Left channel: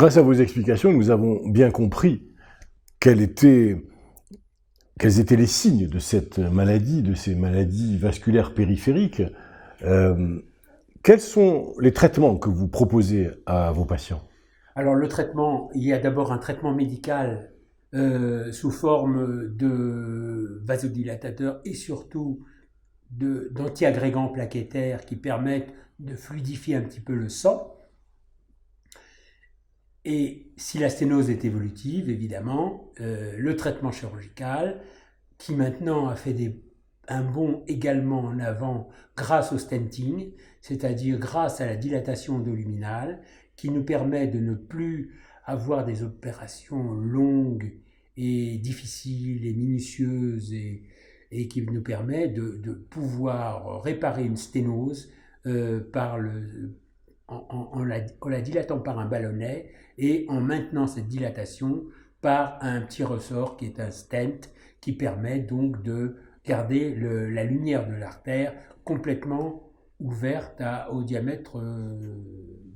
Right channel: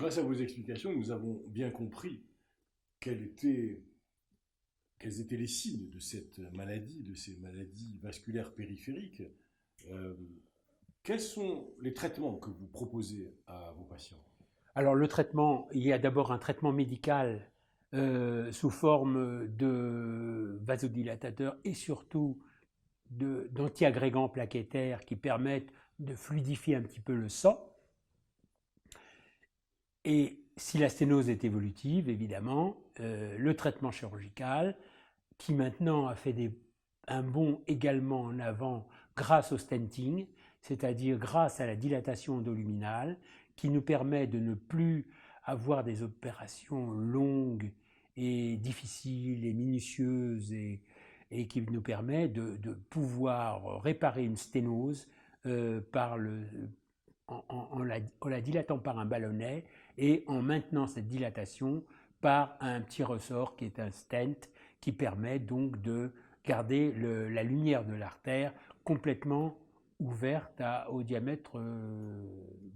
grâce à vos explications, nous avons bien compris quels étaient les signes de cette maladie, de ces maladies vasculaires périphériques. Quels sont les traitements que vous proposez à vos patients? Alors le traitement, il y a d'abord un traitement médical sous forme de vasodilatateurs et surtout d'antiagrégants plaquettaires qui permettent de fluidifier un petit peu le sang. Et si la sténose est évolutive, évidemment, le traitement chirurgical, qui maintenant a fait un bond également en avant grâce au stenting, c'est-à-dire grâce à la dilatation endoluminale, qui nous permet de ne plus avoir des opérations longues et difficiles et minutieuses et qui nous permet de pouvoir réparer une sténose en la dilatant par un ballonnet et en maintenant cette dilatation par un petit ressort qui est un stent qui permet donc de garder la lumière de l'artère complètement ouverte au diamètre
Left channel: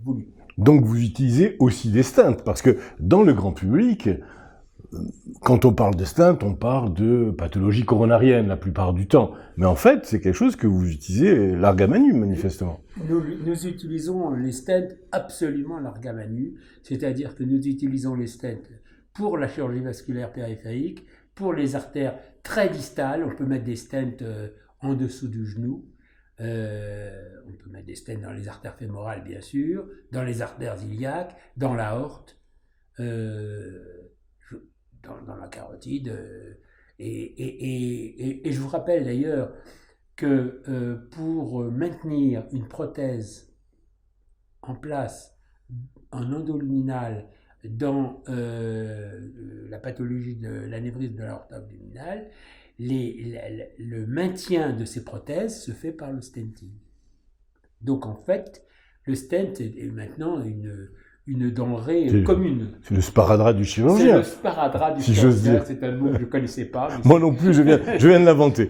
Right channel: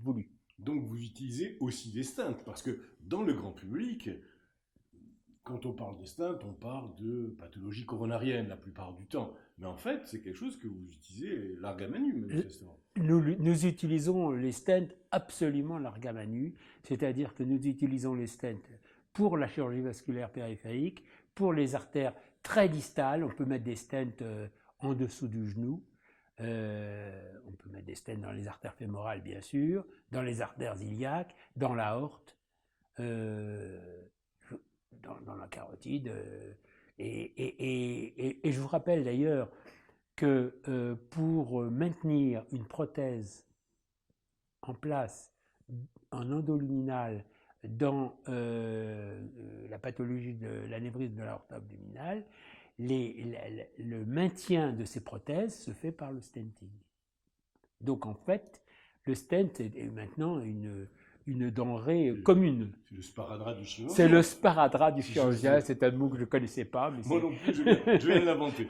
voulu. Donc vous utilisez aussi des stents, parce que dans le grand public, quand on parle de stents, on parle de pathologie coronarienne la plupart du temps. Mais en fait, c'est quelque chose que vous utilisez larga manu, manifestement. Nous utilisons les stents absolument larga manu, c'est-à-dire que nous utilisons les stents pour la chirurgie vasculaire périphérique, pour les artères très distales. On peut mettre des stents en dessous du genou. On peut mettre des stents dans les artères fémorales, bien sûr, dans les artères iliaques, dans l'aorte, dans la carotide. Et je vous rappelle d'ailleurs que pour maintenir une prothèse en place en endoluminal dans la pathologie de l'anévrisme de l'aorte abdominale, le maintien de ces prothèses se fait par le stenting. Donc en fait, le stent est maintenant une denrée commune. C'est le sparadrap du chirurgien. C'est le sparadrap du chirurgien, c'est un mot que je ne connaissais pas. Moi non plus, je viens de l'inventer.